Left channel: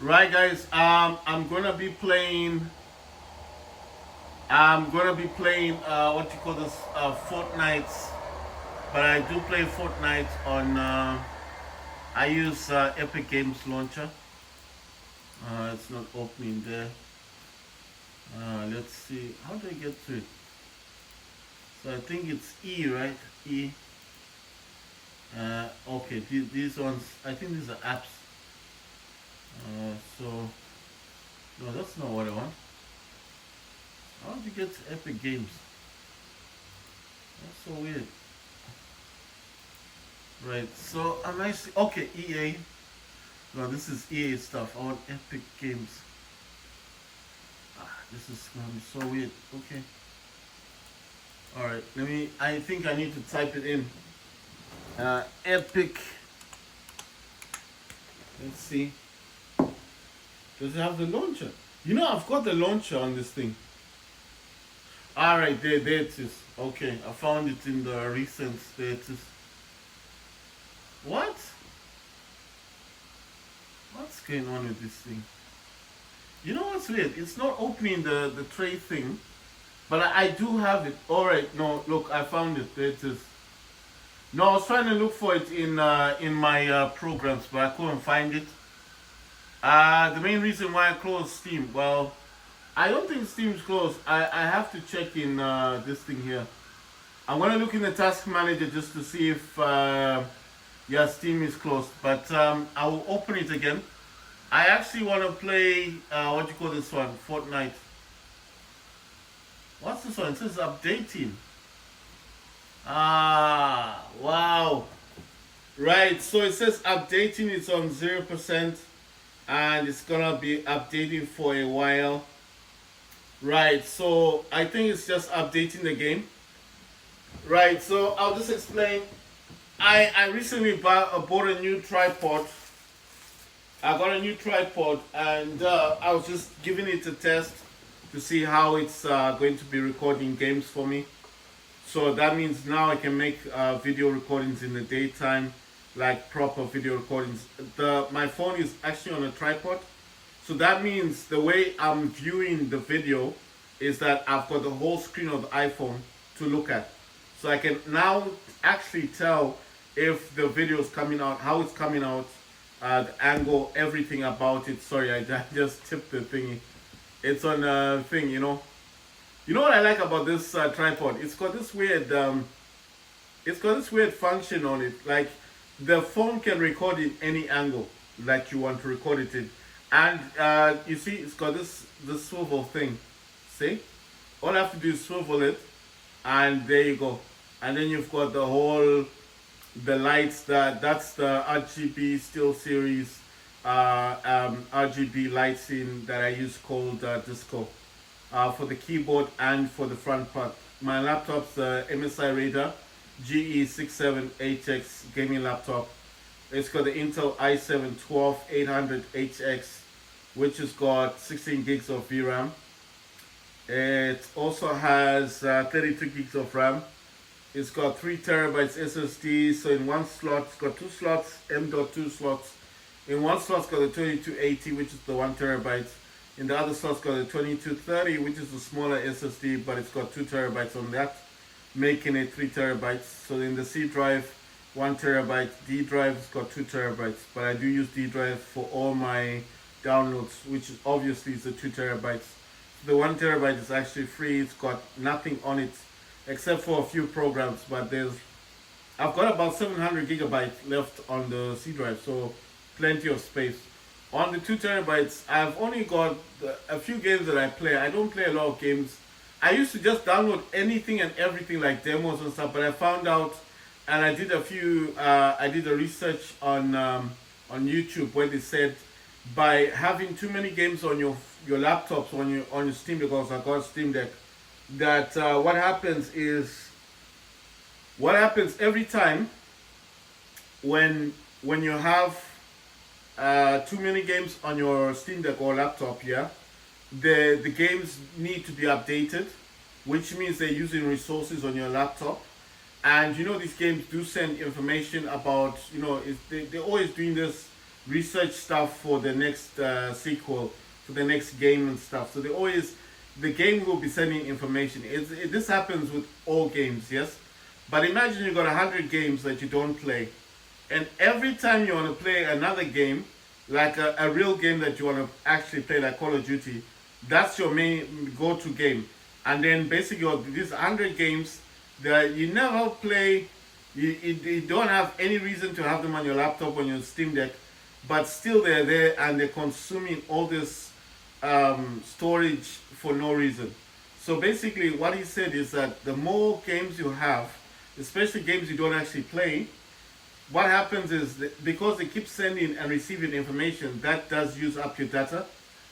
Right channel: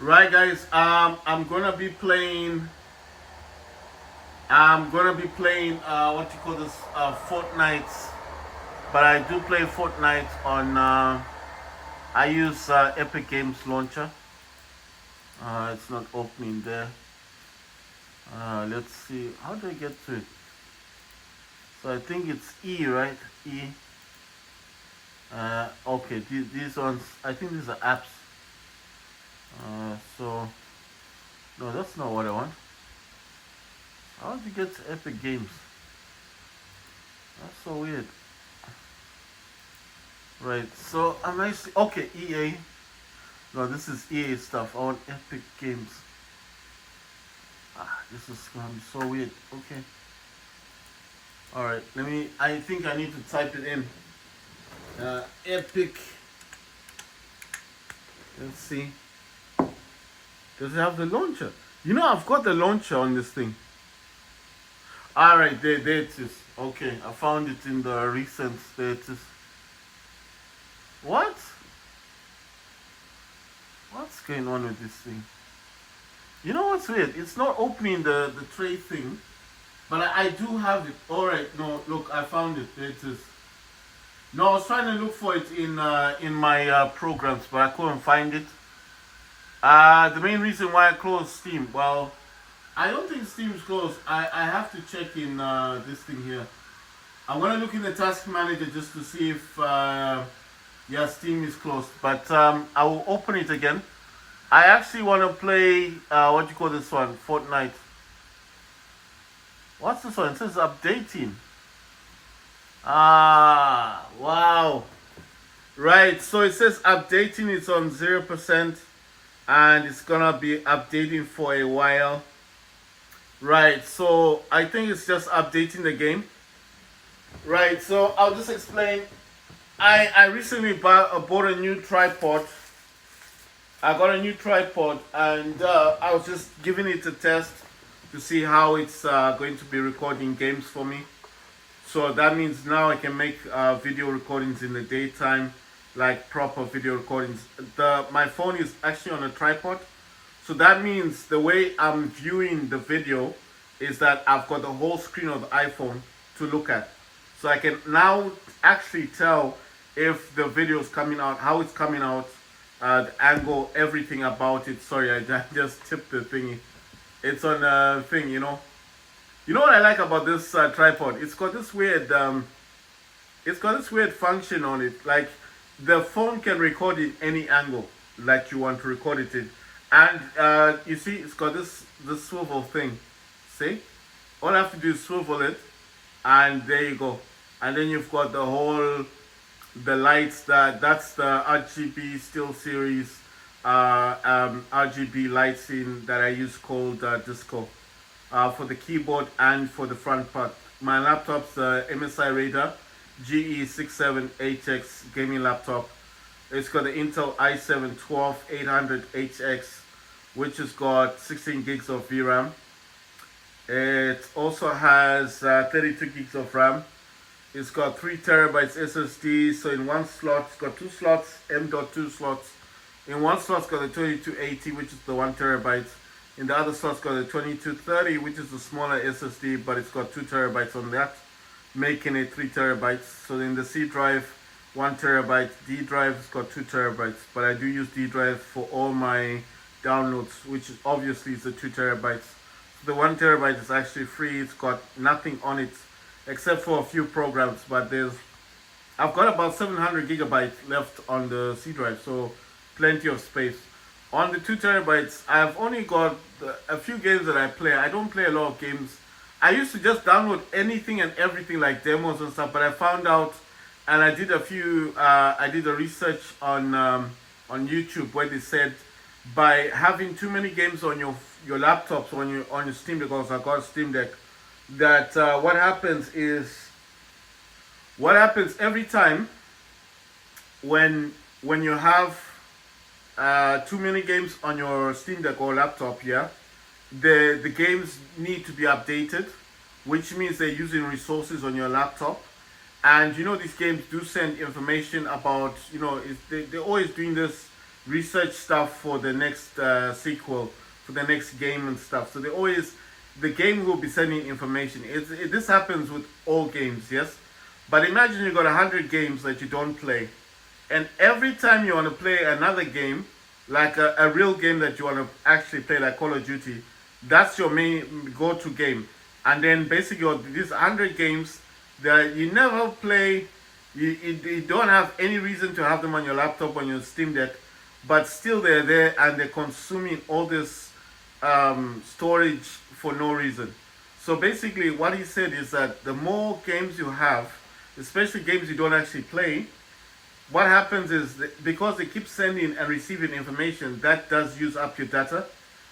Right, guys. I'm gonna be playing. What you call this? Fortnite. But I do play Fortnite on. I use Epic Games Launcher. It's not opening there. Let's see. How do I get to it? So I think it's E, right? E. Okay. These ones. I think these are apps. So no, that's not what I want. How did you get to Epic Games? That's so weird. Right. So I'm actually okay. EA. No, this is EA stuff. I want Epic Games. This is gonna be so weird. Okay. All right. Let me. I think I need to type it in. Epic. Let's see. Does it have the launcher? You know, I've got the launcher on this thing. All right. There it is. Okay. I found it in the recent. There it is. What? What's going on with this thing? You know what's weird? It's not opening the tray thing, but I do have it. All right, no, look, I found it. There it is. No, I was trying to look for it in my programs, but I couldn't find it. The main reason why I closed Steam, well, I don't think Steam's closed. I have to check in this thing here. I'm gonna look in the task manager just to see if yeah, Steam is closed. But I will open it again. I actually want to play what do you call this one? Fortnite. What's this one? It says updating. Wow. Right, so it says updating. It's on 0%, and it's gonna be updating for a while. Right, so I think it's just updating the game. Right, so I'll just explain. I recently bought a new tripod. I got a new tripod, and I was just giving it a test to see how it's going to be recording games for me. So that means now I can make video recordings in the daytime, like proper video recordings. My phone is actually on a tripod, so that means the way I'm viewing the video is that I've got the whole screen of the iPhone to look at. So I can now actually tell if the video is coming out, how it's coming out, the angle, everything about it. Sorry, I just tipped the thingy. It's on a thing, you know. You know what I like about this tripod? It's got this weird function on it. Like the phone can record in any angle, like you want to record it in. And you see, it's got this swivel thing. See, all I have to do is swivel it, and there you go. And then you've got the lights. That's the RGB Steel Series RGB lighting that I use called Disco for the keyboard and for the front part. My laptop's MSI Raider GE67HX gaming laptop. It's got the Intel i7 12800HX, which has got 16 gigs of VRAM. It also has 32 gigs of RAM. It's got 3 terabytes SSD. So in one slot, it's got two slots, M.2 slots. In one slot, it's got the 2280, which is the 1 terabyte. In the other slot, it's got the 2230, which is the smaller SSD, but it's got 2 terabytes on that, making it 3 terabytes. So in the C drive, 1 terabyte. D drive has got 2 terabytes, but I do use D drive for all my downloads, which is obviously is the 2 terabytes. The 1 terabyte is actually free. It's got nothing on it except for a few programs, but I've got about 700 gigabytes left on the C drive, so plenty of space. On the 2 terabytes, I've only got a few games that I play. I don't play a lot of games. I used to just download anything and everything like demos and stuff, but I found out, and I did a research on YouTube where they said by having too many games on your laptops, on your Steam, because I got a Steam Deck, that what happens every time when you have too many games on your Steam Deck or laptop, yeah, the games need to be updated, which means they're using resources on your laptop. And you know, these games do send information about, you know, they're always doing this research stuff for the next sequel, for the next game and stuff. So the game will be sending information. This happens with all games, yes. But imagine you got 100 games that you don't play, and every time you want to play another game, like a real game that you want to actually play, like Call of Duty, that's your main go-to game. And then basically these 100 games that you never play, you don't have any reason to have them on your laptop, on your Steam Deck, but still they're there and they're consuming all this storage for no reason. So basically what he said is that the more games you have, especially games you don't actually play, what happens is that because they keep sending and receiving information, that does use up your data,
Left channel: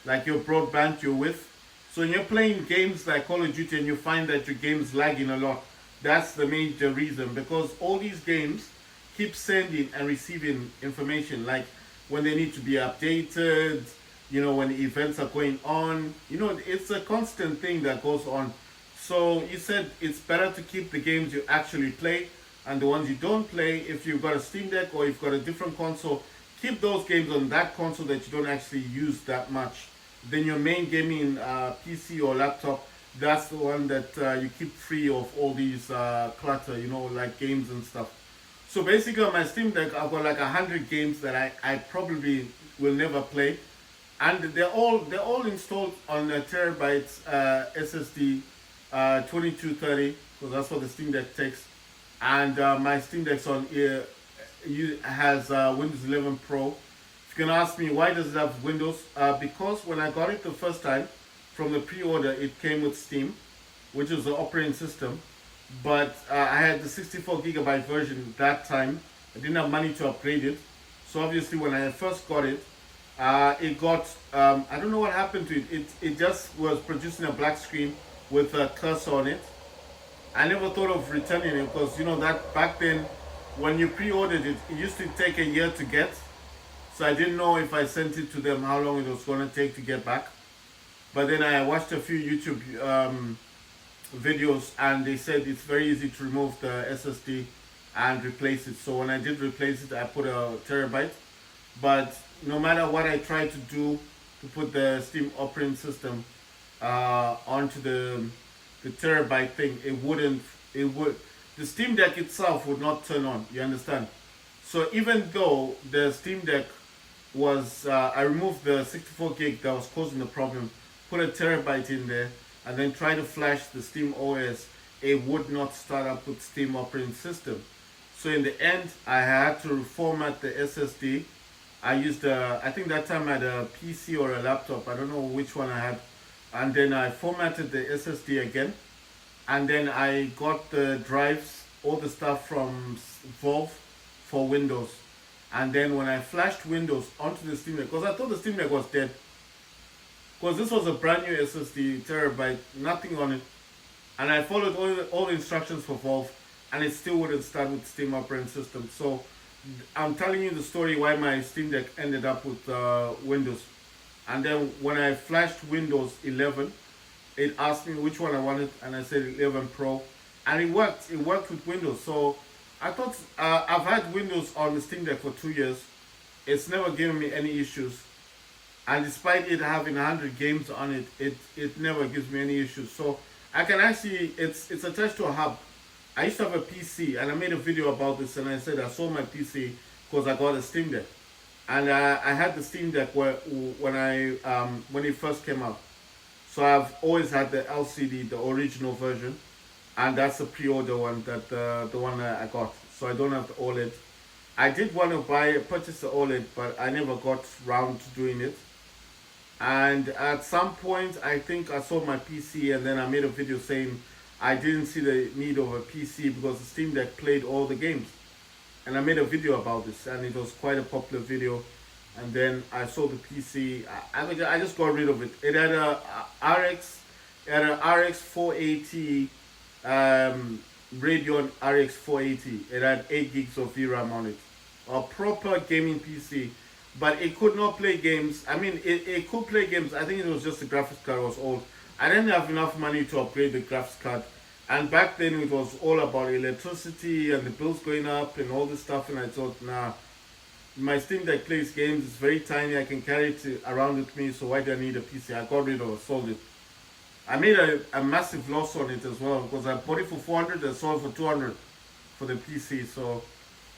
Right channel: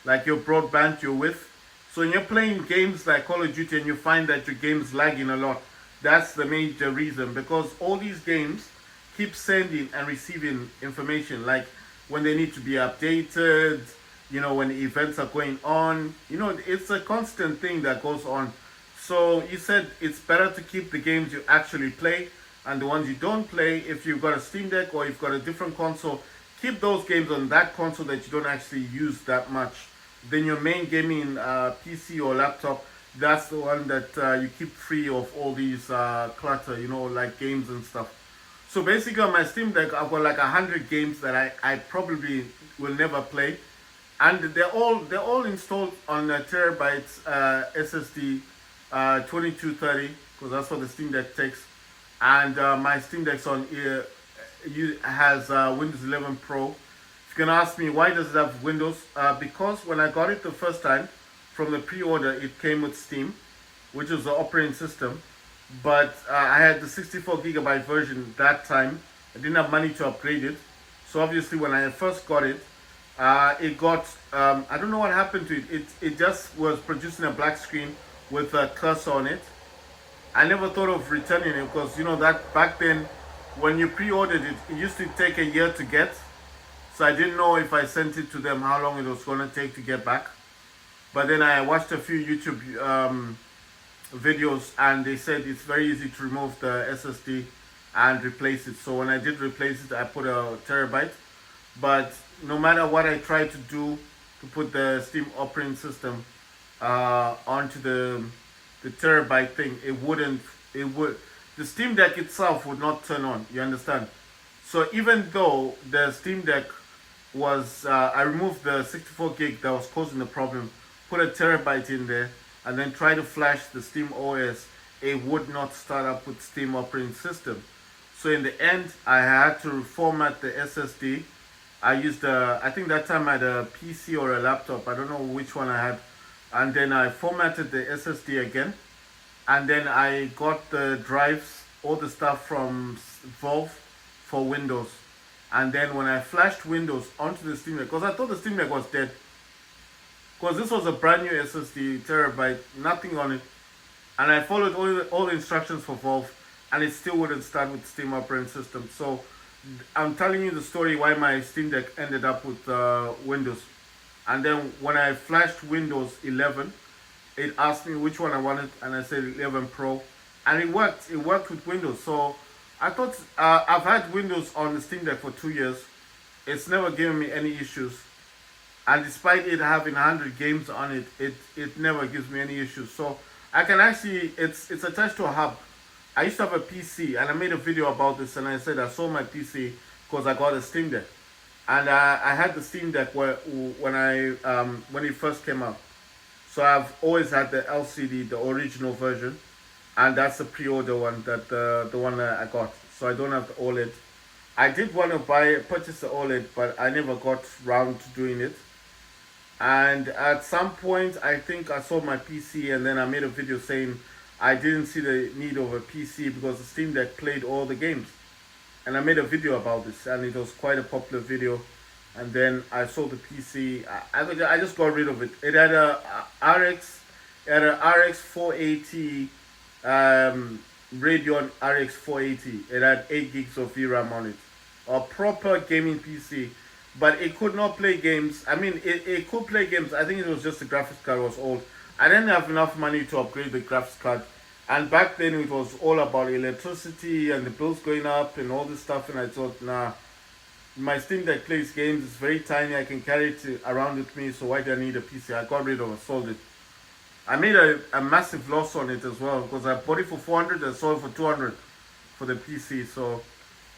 like your broadband you're with. So when you're playing games like Call of Duty and you find that your game's lagging a lot, that's the major reason, because all these games keep sending and receiving information, like when they need to be updated, when events are going on. It's a constant thing that goes on. So he said it's better to keep the games you actually play, and the ones you don't play, if you've got a Steam Deck or you've got a different console, keep those games on that console that you don't actually use that much. Then your main gaming PC or laptop, that's the one that you keep free of all these clutter, like games and stuff. So basically on my Steam Deck, I've got like 100 games that I probably will never play. And they're all installed on a terabyte SSD 2230, because that's what the Steam Deck takes. And my Steam Deck's has Windows 11 Pro. If you're gonna ask me why does it have Windows, because when I got it the first time from the pre-order, it came with Steam, which is the operating system. But I had the 64 gigabyte version that time. I didn't have money to upgrade it. So obviously when I first got it, it got I don't know what happened to it. It just was producing a black screen with a cursor on it. I never thought of returning it because that back then when you pre-ordered it, it used to take a year to get. So I didn't know if I sent it to them how long it was going to take to get back. But then I watched a few YouTube videos and they said it's very easy to remove the SSD and replace it. So when I did replace it, I put a terabyte. But no matter what I tried to do to put the Steam operating system onto the terabyte thing, the Steam Deck itself would not turn on, you understand? So even though the Steam Deck was, I removed the 64 gig that was causing the problem, put a terabyte in there, and then try to flash the Steam OS, it would not start up with Steam operating system. So in the end, I had to reformat the SSD. I used I think that time I had a PC or a laptop, I don't know which one I had. And then I formatted the SSD again. And then I got the drives, all the stuff from Valve for Windows. And then when I flashed Windows onto the Steam Deck, because I thought the Steam Deck was dead, because this was a brand new SSD, terabyte, nothing on it. And I followed all the instructions for Valve, and it still wouldn't start with Steam operating system. So I'm telling you the story why my Steam Deck ended up with Windows. And then when I flashed Windows 11, it asked me which one I wanted, and I said 11 Pro, and it worked. It worked with Windows. So I thought I've had Windows on the Steam Deck for 2 years. It's never given me any issues, and despite it having 100 games on it, it never gives me any issues. So I can actually, it's attached to a hub. I used to have a PC, and I made a video about this, and I said I sold my PC because I got a Steam Deck, and I had the Steam Deck when it first came out. So I've always had the LCD, the original version, and that's the pre-order one, that the one that I got. So I don't have the OLED. I did want to purchase the OLED, but I never got round to doing it. And at some point, I think I sold my PC, and then I made a video saying I didn't see the need of a PC because the Steam Deck played all the games. And I made a video about this, and it was quite a popular video. And then I sold the PC. I just got rid of it. It had a RX 480 Radeon RX 480. It had 8 gigs of VRAM on it. A proper gaming PC, but it could not play games. I mean, it could play games. I think it was just the graphics card was old. I didn't have enough money to upgrade the graphics card. And back then it was all about electricity and the bills going up and all this stuff. And I thought, nah, My Steam Deck plays games. It's very tiny. I can carry it around with me. So why do I need a PC? I got rid of it, sold it. I made a massive loss on it as well because I bought it for 400 and sold it for 200 for the PC. So,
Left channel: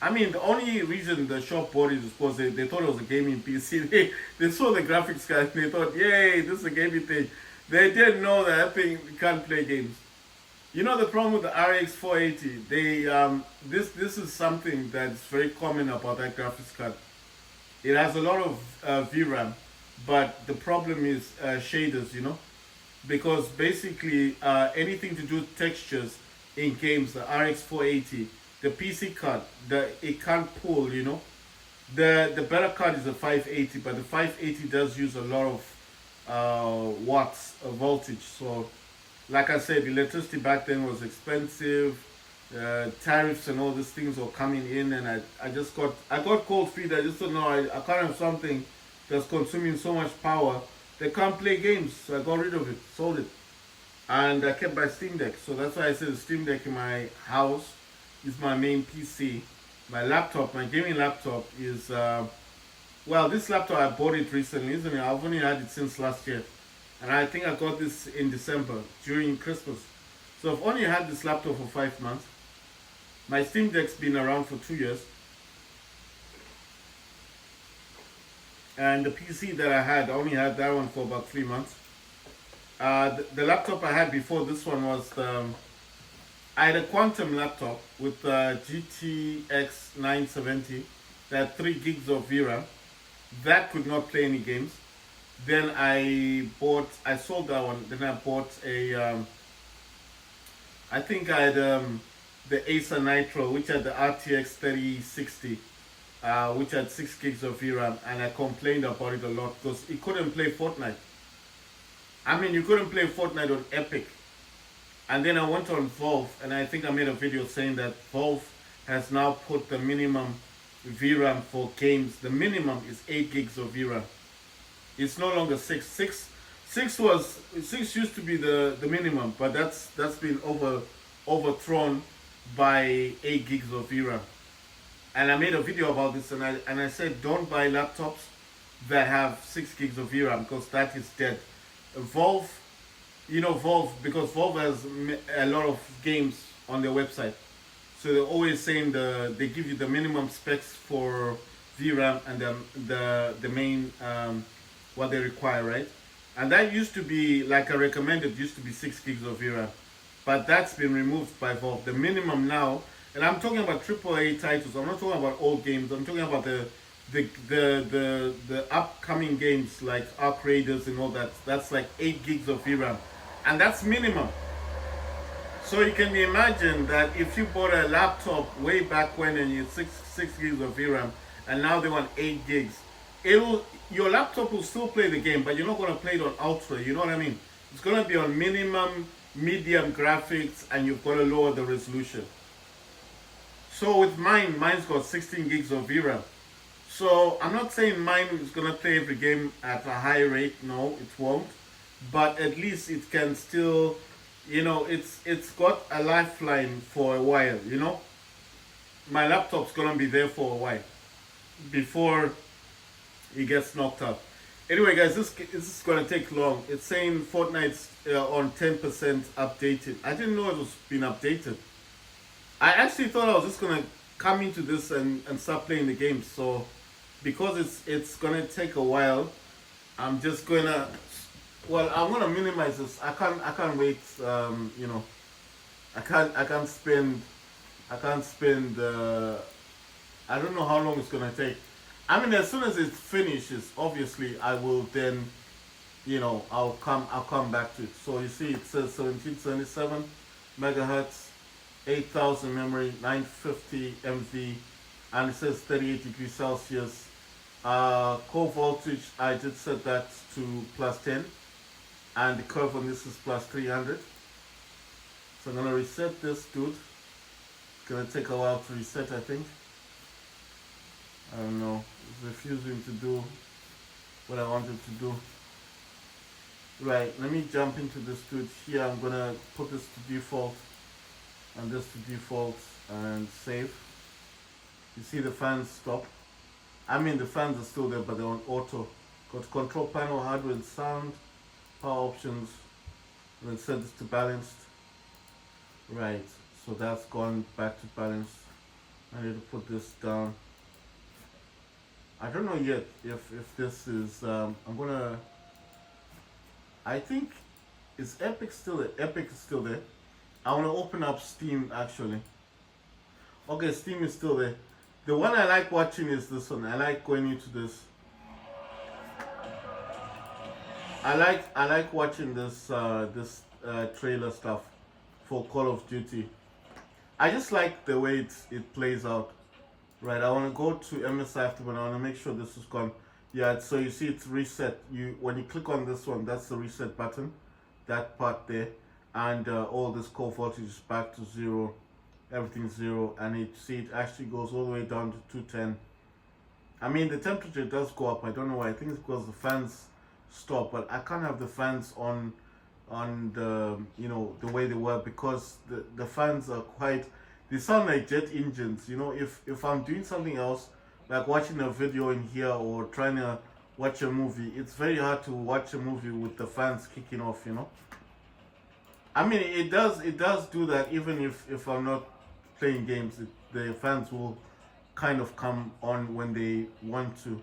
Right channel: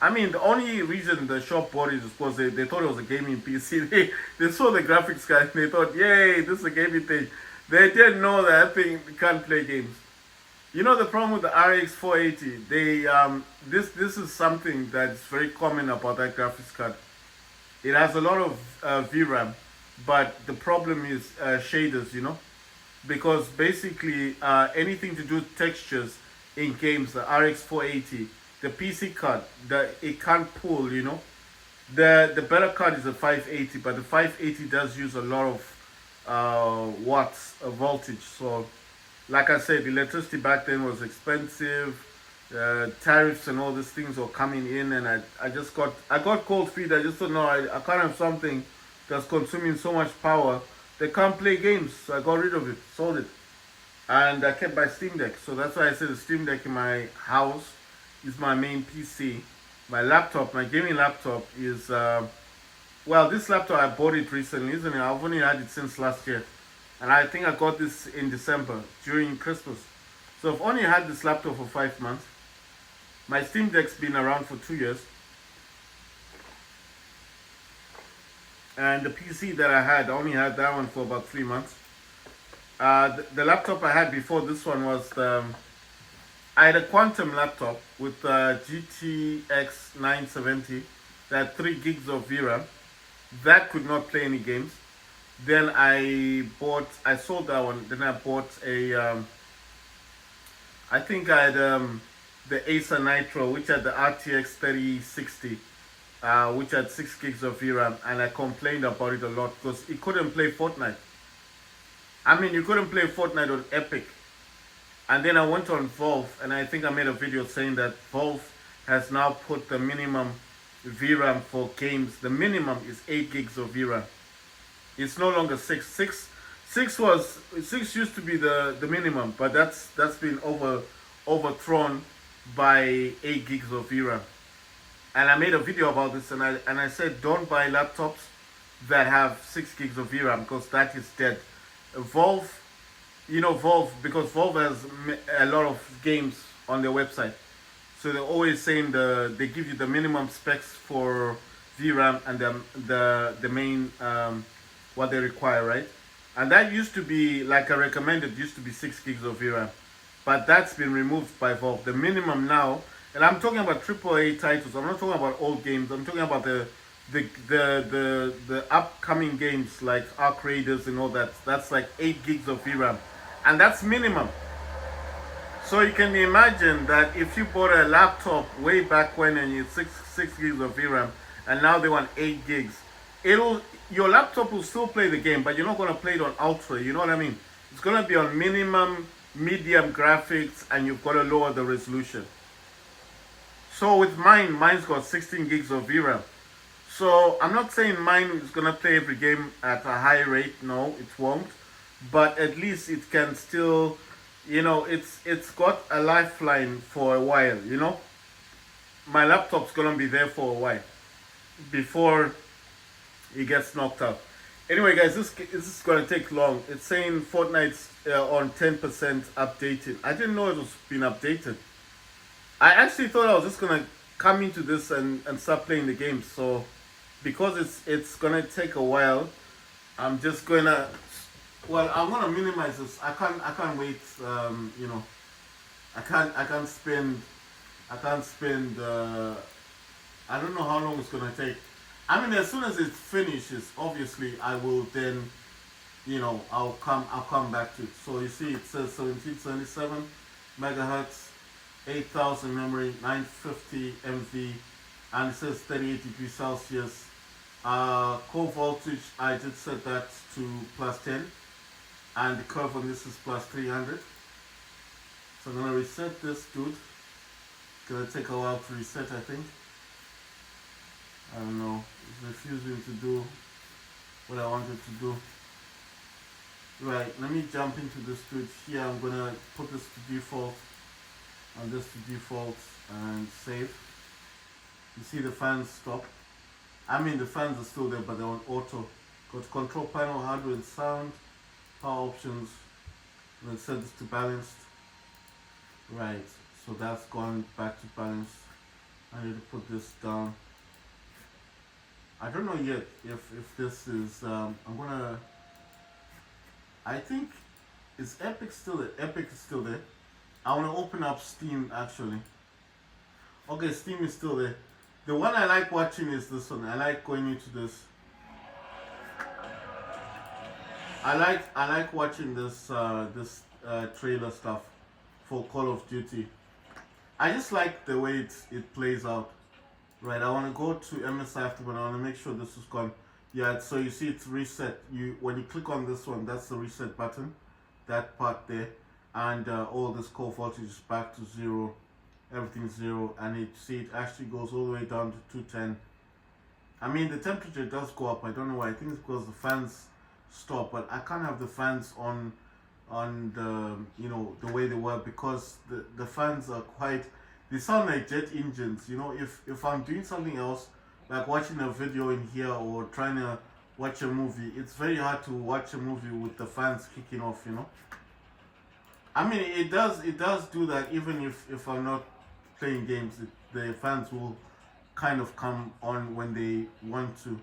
I mean, the only reason the shop bought it is because they thought it was a gaming PC. They saw the graphics card and they thought, yay, this is a gaming thing. They didn't know that thing can't play games. You know the problem with the RX 480? This is something that's very common about that graphics card. It has a lot of VRAM, but the problem is shaders. Because basically anything to do with textures in games, the RX 480, the PC card, it can't pull. The better card is a 580, but the 580 does use a lot of watts of voltage. So, like I said, electricity back then was expensive. Tariffs and all these things were coming in, and I got cold feet. I just thought, no, I can't have something that's consuming so much power. They can't play games, so I got rid of it, sold it, and I kept my Steam Deck. So that's why I said the Steam Deck in my house is my main PC. My laptop, my gaming laptop is well, this laptop I bought it recently, isn't it? I've only had it since last year, and I think I got this in December during Christmas. So I've only had this laptop for 5 months. My Steam Deck's been around for 2 years. And the PC that I only had that one for about 3 months. The laptop I had before this one was I had a Quantum laptop with GTX 970 that had 3 gigs of VRAM. That could not play any games. Then I sold that one. Then I bought I think I had the Acer Nitro, which had the RTX 3060. Which had 6 gigs of VRAM, and I complained about it a lot because it couldn't play Fortnite. I mean, you couldn't play Fortnite on Epic. And then I went on Valve, and I think I made a video saying that Valve has now put the minimum VRAM for games. The minimum is 8 gigs of VRAM. It's no longer 6. 6 used to be the minimum, but that's been overthrown by 8 gigs of VRAM. And I made a video about this, and I said don't buy laptops that have 6 gigs of VRAM because that is dead. Valve, because Valve has a lot of games on their website, so they're always saying they give you the minimum specs for VRAM and the main what they require, right? And that used to be, like I recommended, used to be 6 gigs of VRAM, but that's been removed by Valve. The minimum now. And I'm talking about AAA titles. I'm not talking about old games. I'm talking about the upcoming games like Arc Raiders and all that. That's like 8 gigs of VRAM, and that's minimum. So you can imagine that if you bought a laptop way back when and you had 6 gigs of VRAM, and now they want 8 gigs, your laptop will still play the game, but you're not going to play it on ultra. You know what I mean? It's going to be on minimum, medium graphics, and you've got to lower the resolution. So with mine's got 16 gigs of VRAM. So I'm not saying mine is gonna play every game at a high rate. No, it won't. But at least it can still, it's got a lifeline for a while. My laptop's gonna be there for a while before it gets knocked out. Anyway, guys, this is gonna take long. It's saying Fortnite's on 10% updated. I didn't know it was been updated. I actually thought I was just gonna come into this and start playing the game. So because it's gonna take a while, I'm just gonna I'm gonna minimize this. I can't wait. I can't spend I don't know how long it's gonna take. I mean, as soon as it finishes, obviously I will then I'll come back to it. So you see it says 1777 megahertz, 8000 memory, 950 MV, and it says 38 degrees Celsius. Core voltage, I did set that to plus 10, and the curve on this is plus 300. So I'm gonna reset this dude. It's gonna take a while to reset, I think. I don't know, it's refusing to do what I wanted to do. Right, let me jump into this dude here. I'm gonna put this to default and this to default and save. You see the fans stop. I mean, the fans are still there, but they're on auto. Got control panel, hardware and sound, power options, and then set this to balanced. Right, so that's gone back to balanced. I need to put this down. I don't know yet if this is, I'm gonna, I think, is Epic still there? Epic is still there. I want to open up Steam actually. Okay, Steam is still there. The one I like watching is this one. I like going into this. I like watching this trailer stuff for Call of Duty. I just like the way it plays out. Right, I want to go to MSI after, but I want to make sure this is gone. Yeah, so you see it's reset. When you click on this one, that's the reset button, that part there, and all this core voltage is back to 0, everything's 0, and it actually goes all the way down to 210. I mean, the temperature does go up. I don't know why. I think it's because the fans stop, but I can't have the fans on the the way they were, because the fans are quite, they sound like jet engines. If I'm doing something else, like watching a video in here or trying to watch a movie, it's very hard to watch a movie with the fans kicking off. I mean, it does do that. Even if I'm not playing games, the fans will kind of come on when they want to.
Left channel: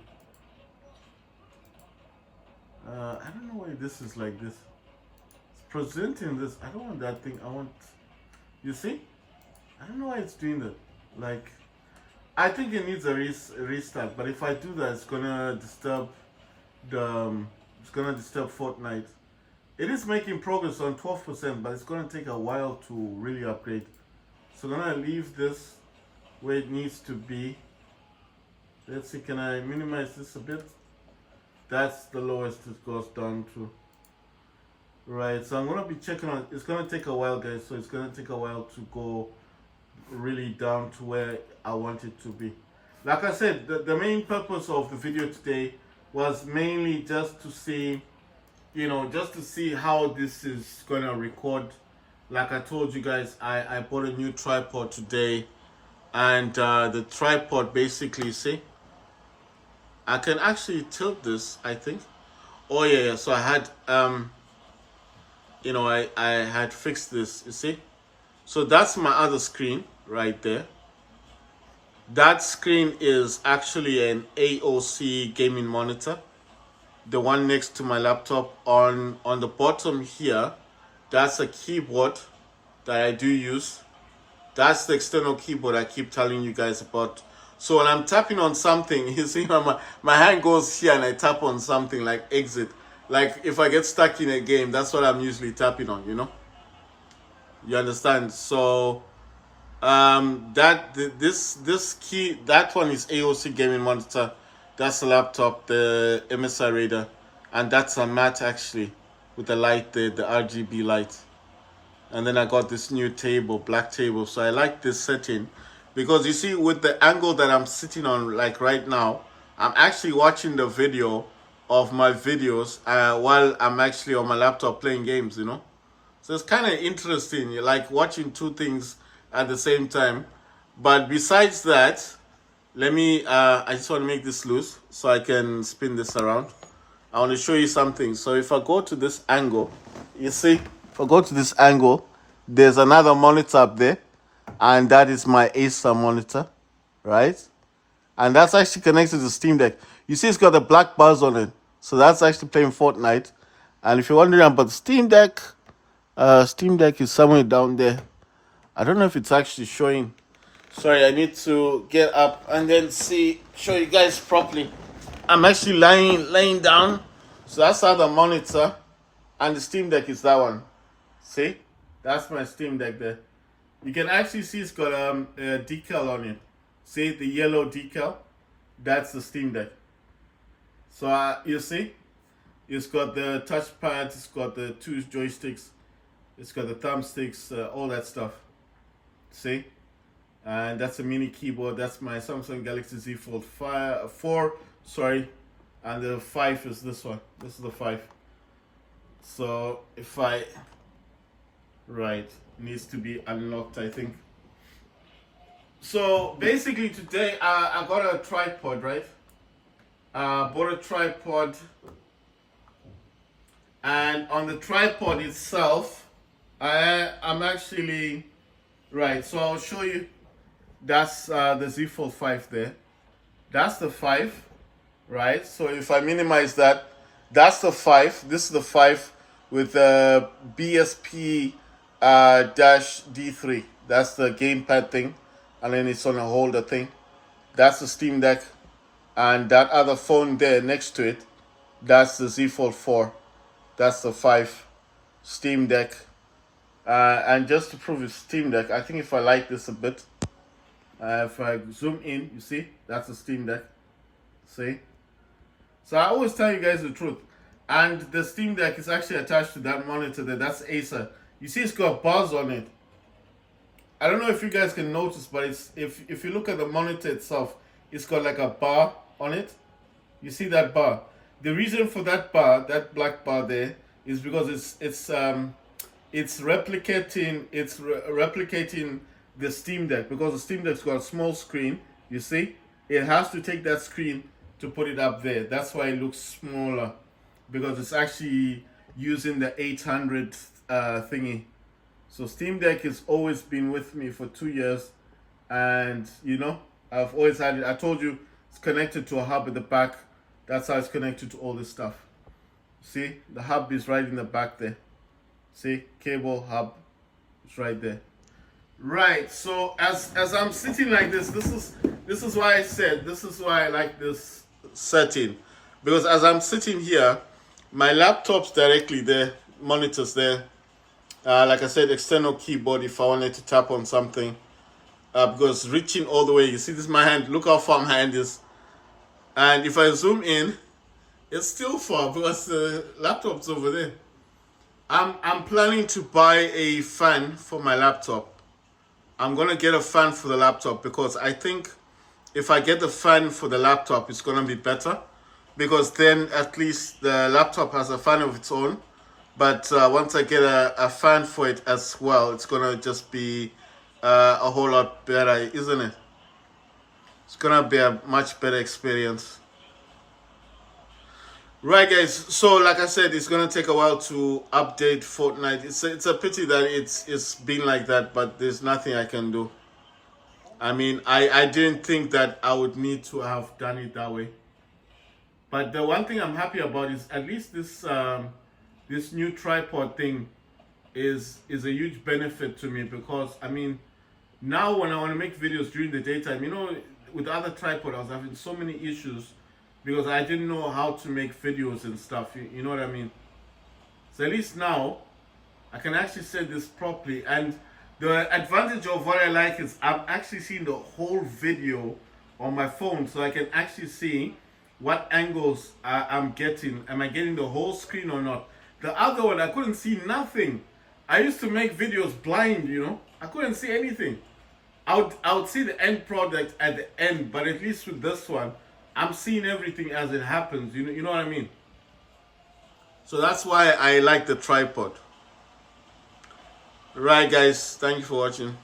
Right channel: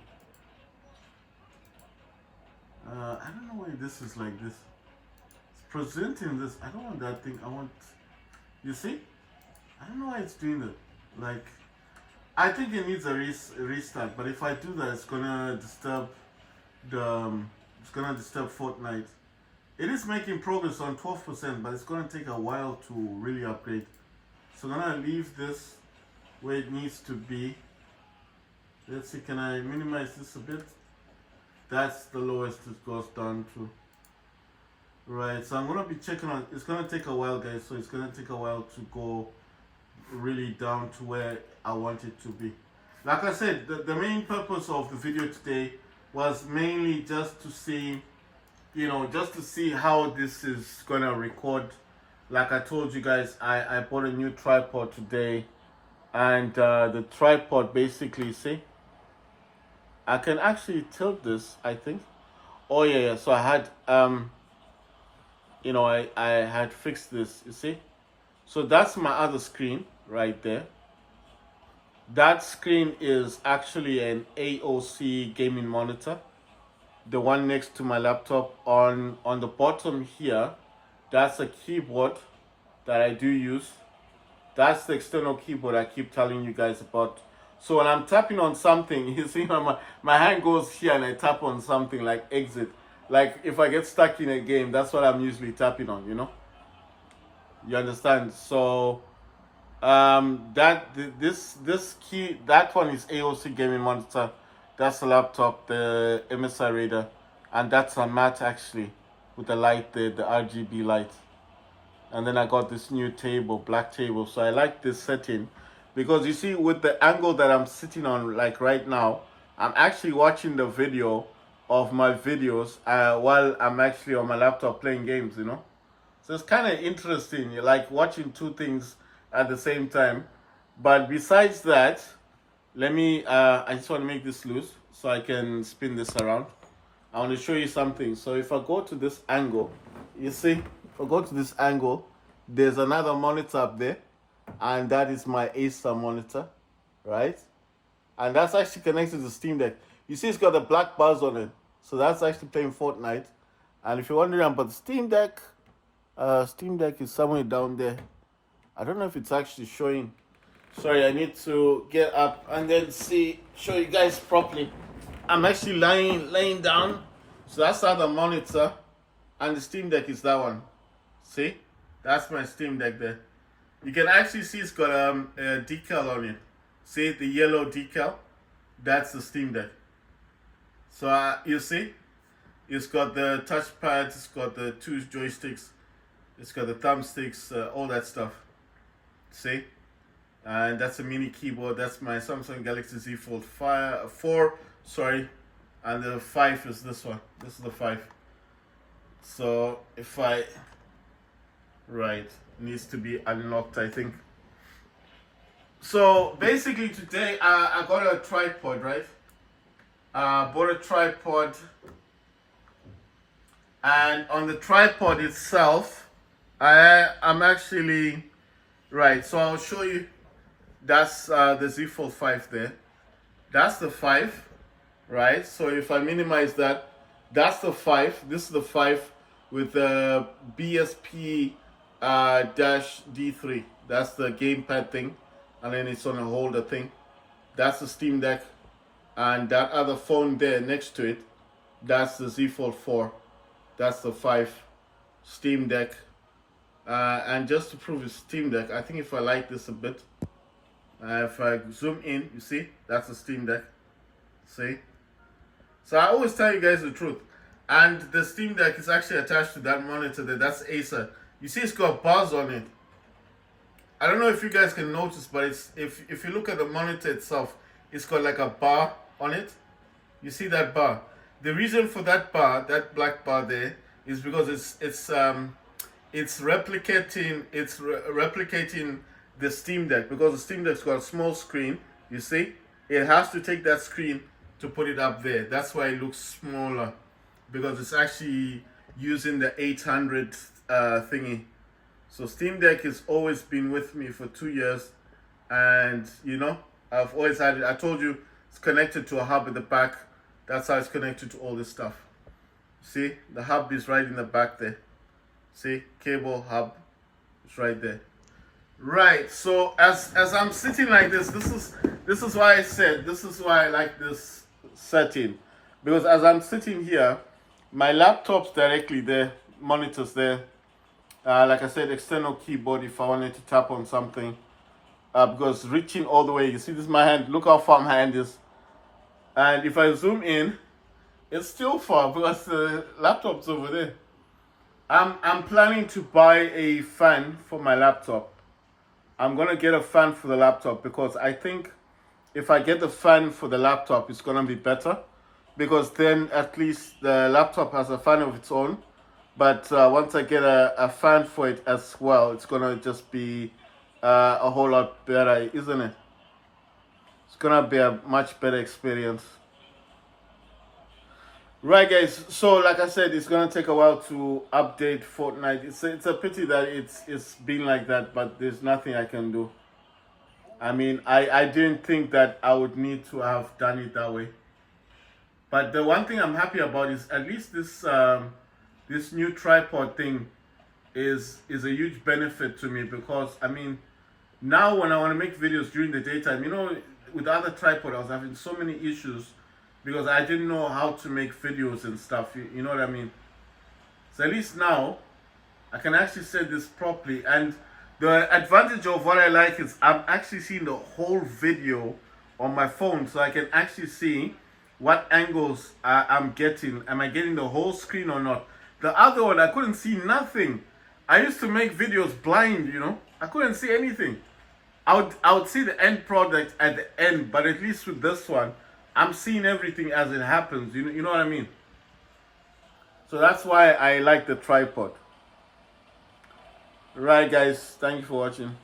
I don't know why this is like this. It's presenting this. I don't want that thing. I want, you see? I don't know why it's doing that. Like, I think it needs a restart. But if I do that, it's gonna disturb Fortnite. It is making progress on 12%, but it's gonna take a while to really upgrade. So I'm gonna leave this where it needs to be. Let's see, can I minimize this a bit? That's the lowest it goes down to. Right, so I'm gonna be checking on, it's gonna take a while, guys, so it's gonna take a while to go really down to where I want it to be. Like I said, the main purpose of the video today was mainly just to see, just to see how this is gonna record. Like I told you guys, I bought a new tripod today, and the tripod basically, see, I can actually tilt this, I think. Oh yeah, so I had I had fixed this, you see. So that's my other screen right there. That screen is actually an AOC gaming monitor, the one next to my laptop. On the bottom here, that's a keyboard that I do use. That's the external keyboard I keep telling you guys about. So when I'm tapping on something, you see my hand goes here and I tap on something like exit. Like if I get stuck in a game, that's what I'm usually tapping on, You understand? So this key, that one is AOC gaming monitor. That's the laptop, the MSI Raider, and that's a matte actually with the light there, the RGB light. And then I got this new table, black table. So I like this setting because you see, with the angle that I'm sitting on, like right now, I'm actually watching the video of my videos while I'm actually on my laptop playing games, So it's kind of interesting, like watching two things at the same time. But besides that, let me, I just want to make this loose so I can spin this around. I want to show you something. So if I go to this angle, you see, if I go to this angle, there's another monitor up there, and that is my Acer monitor, right? And that's actually connected to Steam Deck. You see it's got a black bars on it. So that's actually playing Fortnite. And if you're wondering about Steam Deck is somewhere down there. I don't know if it's actually showing. Sorry, I need to get up and then show you guys properly. I'm actually laying down. So that's how the monitor, and the Steam Deck is that one. See? That's my Steam Deck there. You can actually see it's got a decal on it. See the yellow decal? That's the Steam Deck. So you see, it's got the touchpad, it's got the two joysticks, it's got the thumbsticks, all that stuff. See? And that's a mini keyboard. That's my Samsung Galaxy Z Fold 4, sorry. And the 5 is this one. This is the 5. So if right, needs to be unlocked, I think. So basically today I got a tripod, right? bought a tripod, and on the tripod itself, I'm actually right. So I'll show you. That's the Z Fold 5 there. That's the 5, right? So if I minimize that, that's the 5. This is the 5 with the BSP dash D3. That's the gamepad thing, and then it's on a holder thing. That's the Steam Deck, and that other phone there next to it, that's the Z Fold 4. That's the 5 Steam Deck. And just to prove it's Steam Deck, I think if I light this a bit, if I zoom in, you see, that's the Steam Deck. See? So I always tell you guys the truth. And the Steam Deck is actually attached to that monitor there. That's Acer. You see it's got bars on it. I don't know if you guys can notice, but it's if you look at the monitor itself, it's got like a bar on it. You see that bar? The reason for that bar, that black bar there, is because it's replicating the Steam Deck, because the Steam Deck's got a small screen. You see, it has to take that screen to put it up there. That's why it looks smaller, because it's actually using the 800 thingy. So Steam Deck has always been with me for 2 years, and you know, I've always had it. I told you it's connected to a hub at the back. That's how it's connected to all this stuff. See, the hub is right in the back there. See, cable hub, it's right there. Right. So as I'm sitting like this, this is why I said this is why I like this setting, because as I'm sitting here, my laptop's directly there, monitors there. Like I said, external keyboard if I wanted to tap on something. Because reaching all the way, you see this is my hand, look how far my hand is. And if I zoom in, it's still far because the laptop's over there. I'm planning to buy a fan for my laptop. I'm gonna get a fan for the laptop because I think if I get the fan for the laptop, it's gonna be better, because then at least the laptop has a fan of its own. But once I get a fan for it as well, it's gonna just be a whole lot better, isn't it? It's gonna be a much better experience. Right, guys. So, like I said, it's gonna take a while to update Fortnite. It's a pity that it's been like that, but there's nothing I can do. I mean, I didn't think that I would need to have done it that way. But the one thing I'm happy about is at least this new tripod thing is a huge benefit to me, because I mean, now when I want to make videos during the daytime, you know, with the other tripod I was having so many issues because I didn't know how to make videos and stuff, you know what I mean? So at least now I can actually set this properly, and the advantage of what I like is I'm actually seeing the whole video on my phone, so I can actually see what angles I'm getting. Am I getting the whole screen or not? The other one, I couldn't see nothing. I used to make videos blind, you know. I couldn't see anything. I would see the end product at the end, but at least with this one, I'm seeing everything as it happens. You know what I mean? So that's why I like the tripod. Right, guys. Thank you for watching.